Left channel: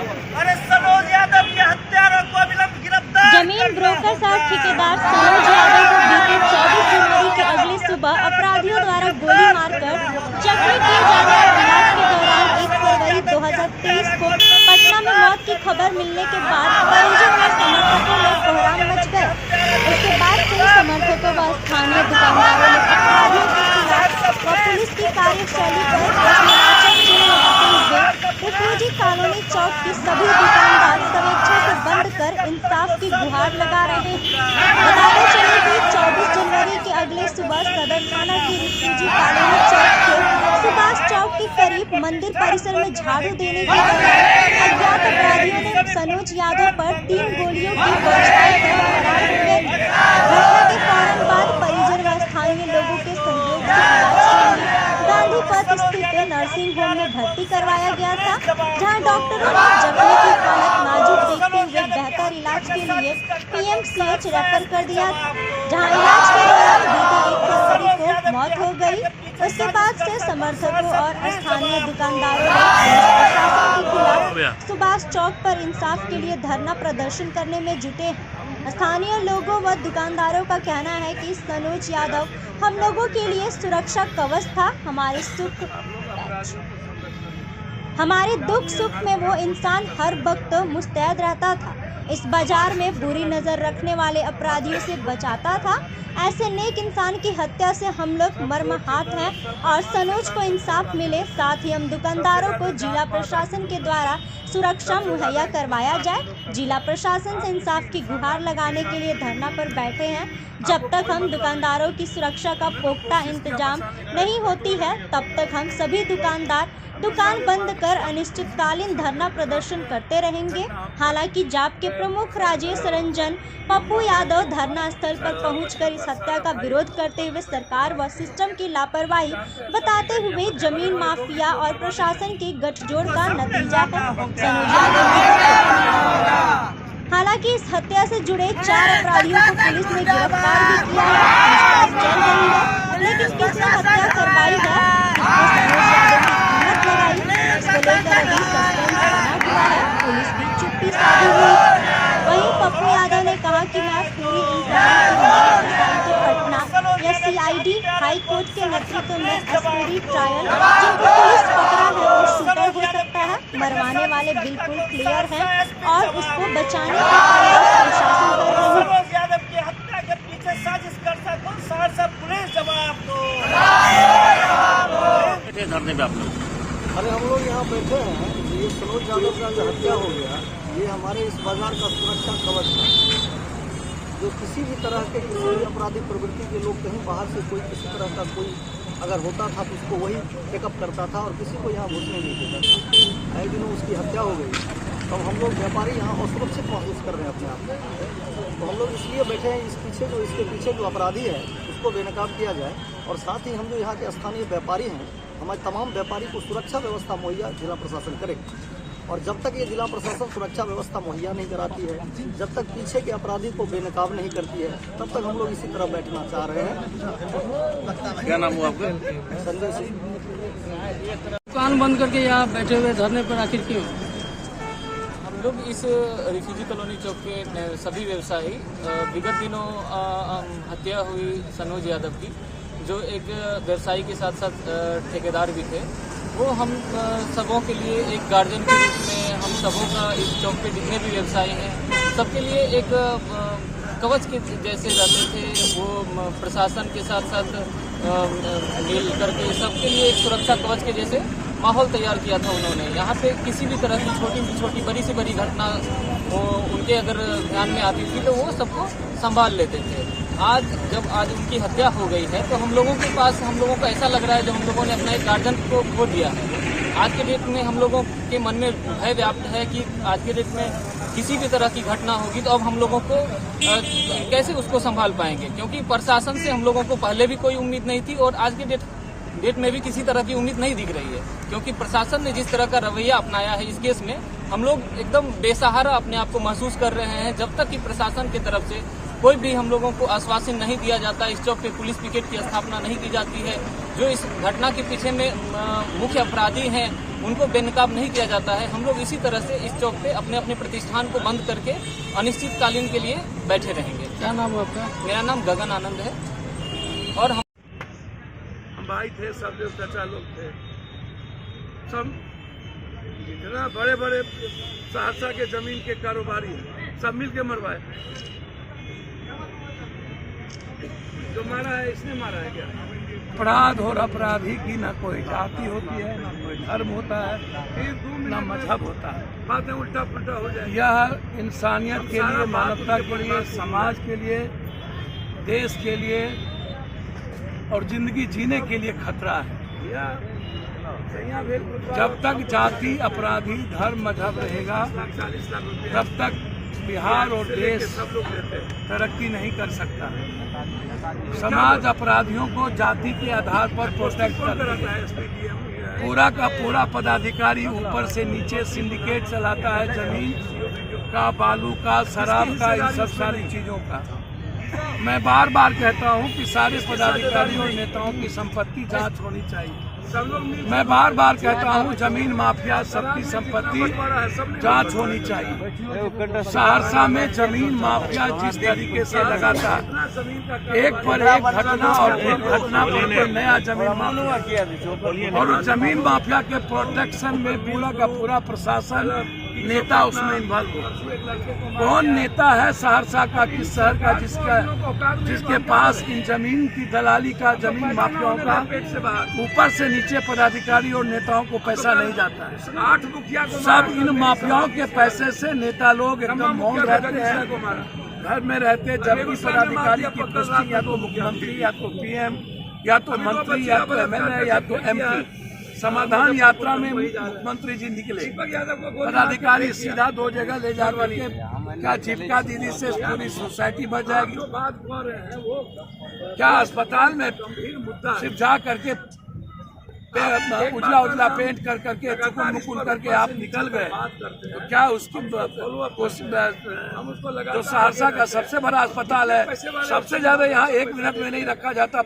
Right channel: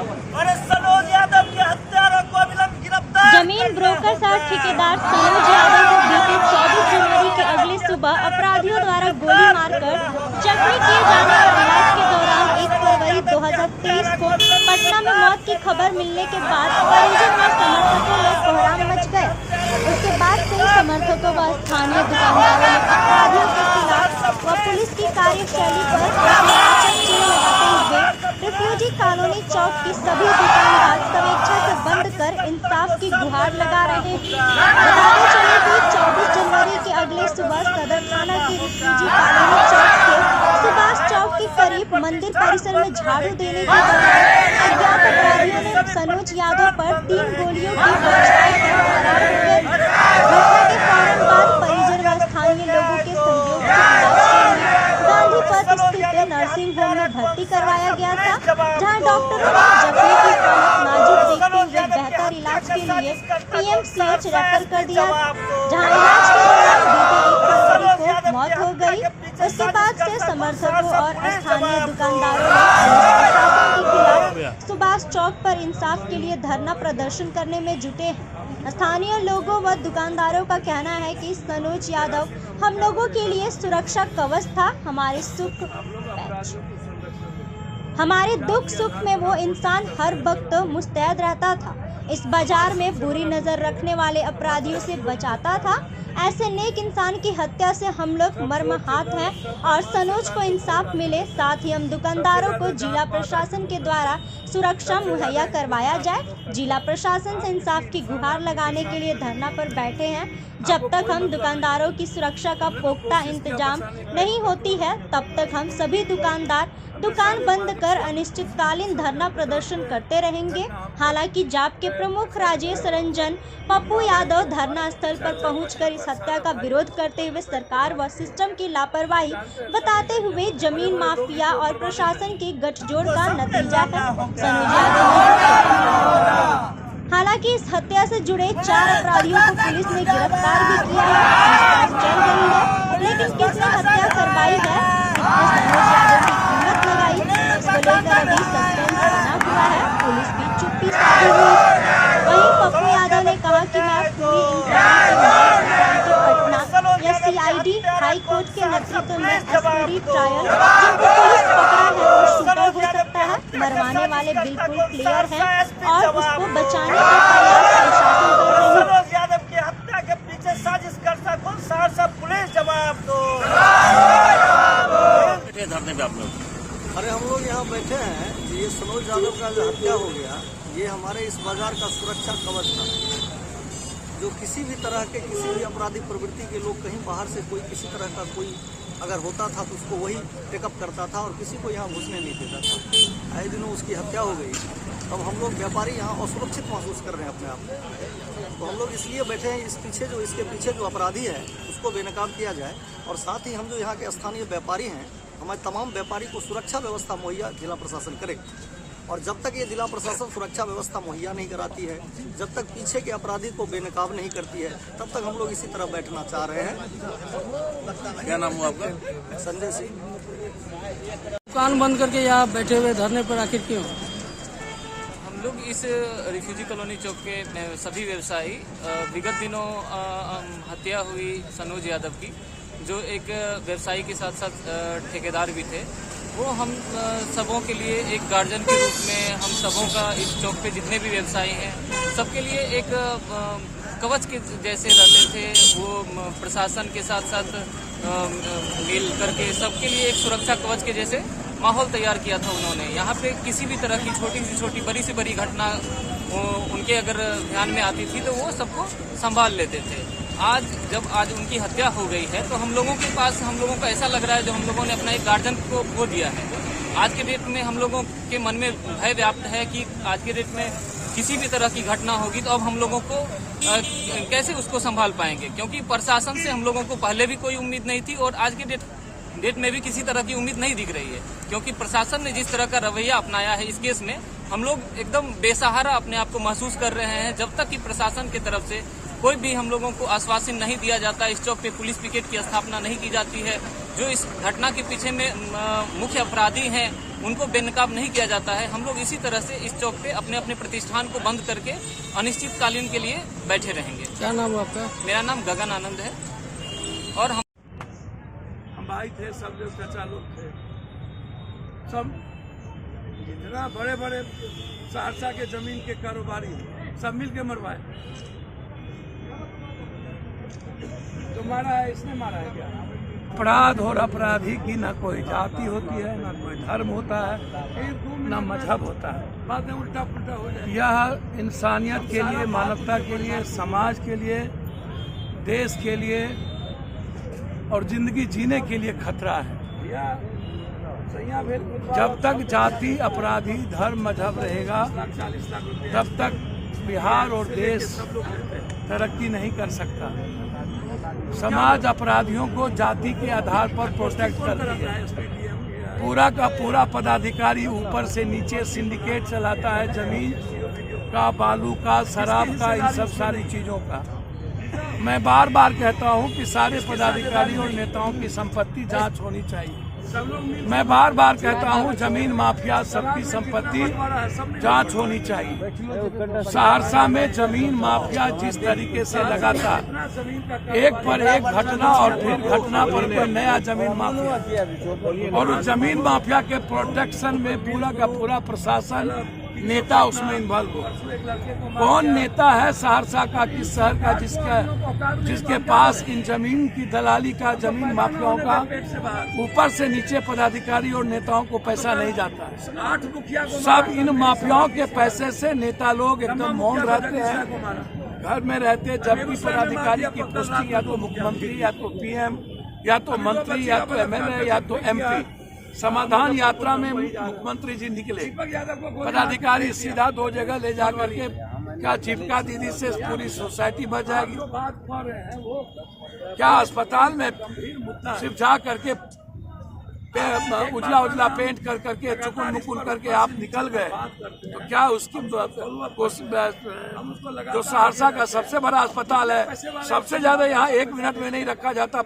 अरे सनोज यादव की हत्यारों को विलंब गिरफ्तार। जमीन ब्रोकर सह ठेकेदार सनोज यादव को बीते 24 जनवरी के अगले सुबह अपराधियों द्वारा गोली मारकर जख्मी किए जाने और इलाज के दौरान 1 फरवरी 2023 को पटना में मौत की खबर मिलने के बाद परिजन व समर्थकों में कोहराम मच गए। उसके बाद से समर्थकों व स्थानीय दुकानदारों ने अपराधियों के खिलाफ व पुलिस की कार्यशैली पर प्रश्नवाचक चिन्ह लगाते हुए रिफ्यूजी कॉलोनी चौक की सभी दुकानदार स्वेच्छा से बंद कर इंसाफ की गुहार लगा रहे हैं। बताते चले कि 24 जनवरी के अगले सुबह सदर थाना के रिफ्यूजी कॉलोनी चौक के सुभाष चौक के करीब मंदिर परिसर में झाड़ू देने के दौरान अज्ञात अपराधियों ने सनोज यादव पर 3 गोलियों की बौछार कर फरार हो गए। घटना के फौरन बाद परिजन व स्थानीय लोगों के सहयोग से इलाज के लिए गांधी पथ स्थित नर्सिंग होम में भर्ती करवाया गया था, जहां डॉक्टरों ने जख्मी की हालत नाजुक देखते हुए बेहतर इलाज के लिए PMCH रेफर कर दिया, जहां इलाज के दौरान बीते 1 फरवरी को मौत हो गई। उसके बाद से समर्थकों और स्थानीय दुकानदारों ने पुलिस प्रशासन के खिलाफ सुभाष चौक पर इंसाफ के लिए धरना प्रदर्शन करने में जुटे हैं। स्थानीय लोगों व दुकानदारों का कहना है कि सनोज यादव हम लोगों के लिए सुरक्षा कवच था। हमारे दुख सुख में वो इंसान हर वक्त मुस्तैद रहता था। इस बाजार में बुरी नजर रखने वाले अपराधियों से बचाता था। ऐसे नेक इंसान की हत्या से हम लोग मर्माहत हैं और सनोज को इंसाफ मिले। साथ ही हम दुकानदारों को जिला प्रशासन के द्वारा सुरक्षा मुहैया करवाया जाए। जिला प्रशासन से इंसाफ की गुहार लगाने के लिए धरना पर बैठे हैं। जब तक हम दुकानदारों की सुरक्षा का पुख्ता इंतजाम नहीं होती है, तब तक हम सभी दुकानदार दुकान बंद कर अनिश्चितकालीन धरना प्रदर्शन करते रहेंगे। हालांकि जाप के प्रमुख राजेश रंजन पप्पू यादव धरना स्थल पर पहुंचकर इस हत्या का विरोध करते हुए सरकार व सिस्टम की लापरवाही बताते हुए जमीन माफिया और प्रशासन के गठजोड़ का नतीजा है सनोज यादव की हत्या। हालांकि इस हत्या से जुड़े 4 अपराधियों को पुलिस ने गिरफ्तार भी किया है। पूछताछ चल रही है, लेकिन किसने हत्या करवाई है, किसने सनोज यादव की कीमत लगाई, इसको लेकर अभी सस्पेंस बना हुआ है। पुलिस भी चुप्पी साधी हुई। वहीं पप्पू यादव ने कहा कि मैं पूरी इंक्वायरी के बाद सोसाइटी पटना या CID हाई कोर्ट के नेतृत्व में एसपीडी ट्रायल जिनको पुलिस पकड़ा है वो शूटर हो सकता है। मरवाने वाले बिल्कुल क्लियर हैं और उसको बचाने का प्रयास प्रशासन कर रही है। सनोज यादव की हत्या के पीछे साजिश करता कौन? सहरसा पुलिस जवाब दो। अरे हम लोग यहाँ बैठे हैं, ये सनोज यादव का जो हत्या हो गया, ये हमारे इस बाजार का सुरक्षा कवच था। जो किसी भी तरह के किसी भी अपराधी प्रवृत्ति के लोग कहीं बाहर से कोई किसी तरह का कोई अगर होता था तो उसको वही टेकअप करता था और किसी को यहाँ घुसने नहीं देता था। आए दिनों उसकी हत्या हो गई, तब हम लोग व्यापारी यहाँ असुरक्षित महसूस कर रहे हैं अपने आप को। तो हम लोग इसलिए बैठे हैं, इसके पीछे जो अपराधी है उसको बेनकाब किया जाए और साथ ही हम जो यहाँ के स्थानीय व्यापारी हैं, हमारे तमाम व्यापारी को सुरक्षा व्यवस्था मुहैया जिला प्रशासन करे। और जब तक ये जिला प्रशासन सुरक्षा व्यवस्था मुहैया नहीं कराती है, जब तक पीछे के अपराधी को बेनकाब नहीं करती है, तब तक हम लोग इसी तरह बैठना चाह रहे हैं। क्या नाम हुआ आपका? संजय सिंह। दुकान बंद करके यहाँ बैठे हुए धरने पर आखिर क्यों? हम लोग इस रिफ्यूजी कॉलोनी चौक के सभी व्यवसायी विगत दिनों हत्या हुई सनोज यादव की, जो एक व्यवसायी के साथ साथ ठेकेदार भी थे, वो हम सबों के लिए एक गार्जियन के रूप में हम सबों का इस चौक पे जितने भी व्यवसायी हैं सबके लिए एक कवच के जैसे रहते थे। वो प्रशासन के साथ साथ मिल करके सबके लिए एक सुरक्षा कवच के जैसे माहौल तैयार किया था उन्होंने। यहाँ पे किसी भी तरह की छोटी से छोटी बड़ी से बड़ी घटना उनके अगर ध्यान में आती थी तो वो सबको संभाल लेते थे। जब उनकी हत्या हो गई है तो हम लोगों के पास हम लोगों को ऐसा लग रहा है जो हम लोगों ने अपना एक गार्जियन को खो दिया है। आज के डेट में हम लोगों के मन में भय व्याप्त है कि आज के डेट में किसी भी तरह की घटना होगी तो अब हम लोगों को कैसे उसको संभाल पाएंगे, क्योंकि प्रशासन से हम लोगों को पहले भी कोई उम्मीद नहीं थी और आज के डेट में भी किसी तरह की उम्मीद नहीं दिख रही है, क्योंकि प्रशासन ने जिस तरह का रवैया अपनाया है इस केस में हम लोग एकदम बेसहारा अपने आप को महसूस कर रहे हैं। जब तक कि प्रशासन की तरफ से कोई भी हम लोगों को आश्वासन नहीं दिया जाता, इस चौक पे पुलिस पिकेट की स्थापना नहीं की जाती है, जो इस घटना के पीछे में मुख्य अपराधी हैं उनको बेनकाब नहीं किया जाता है। हम लोग इसी तरह से इस चौक पे अपने अपने प्रतिष्ठान को बंद करके अनिश्चितकालीन के लिए बैठे रहेंगे। क्या नाम है आपका? मेरा नाम गगन आनंद है और हम भाई थे, सब लोग चाचा लोग थे, सब इतना बड़े बड़े सहरसा के जमीन के कारोबारी सब मिल के मरवाए। जो मारा है इसने मारा है क्या? अपराध और अपराधी की ना कोई जाति होती है, ना कोई धर्म होता है, ना मजहब होता है। बाद में उल्टा पुल्टा हो जाए। यह इंसानियत के लिए, मानवता के लिए, समाज के लिए, देश के लिए और जिंदगी जीने के लिए खतरा है। जब तक जाति, अपराधी, धर्म, मजहब रहेगा तब तक बिहार और देश तरक्की नहीं कर सकता। समाज अपराधियों को जाति के आधार पर प्रोटेक्ट करती है। पूरा का पूरा पदाधिकारी ऊपर से नीचे सिंडिकेट चलाता है, जमीन का, बालू का, शराब का, इन सब सारी चीजों का। मैं बार बार कहता हूं कि सारे पदाधिकारियों और नेताओं की संपत्ति जांच होनी चाहिए। मैं बार बार कहता हूं जमीन माफिया सबकी संपत्ति जांच होनी चाहिए। सहरसा में जमीन माफिया जिस तरीके से लगातार एक पर एक घटना और फिर घटना पर नया जमीन माफिया, और उस जमीन माफिया के प्रोटेक्शन में पूरा का पूरा प्रशासन, नेता उसमें इन्वॉल्व हो। कौन नेता है सहरसा का, किस शहर का जिसके पास इन जमीन की दलाली का, जमीन माफियाओं का ऊपर से नीचे पदाधिकारी और नेताओं को पैसा नहीं जाता है। सब इन माफियाओं के पैसे से नेता लोग एकदम मौन रहते हैं, घर में रहते। जब भी पदाधिकारी की पोस्टिंग या तो मुख्यमंत्री, या तो पीएम, या तो मंत्री, या तो एमएलए, या तो एमपी, समाधान यात्रा में मुख्यमंत्री जी निकले, पदाधिकारी सीधा 2 जगह ले जा करके क्या जीविका दीदी से पूरी सोसाइटी बच जाएगी? क्या अस्पताल में सिर्फ जा करके उजला उजला पेंट कर करके चुकुन मुकुन करके आप निकल गए तो क्या उसकी जो सहरसा का सबसे बड़ा अस्पताल है, सबसे ज्यादा यहाँ 1 मिनट में नहीं रखा जाता।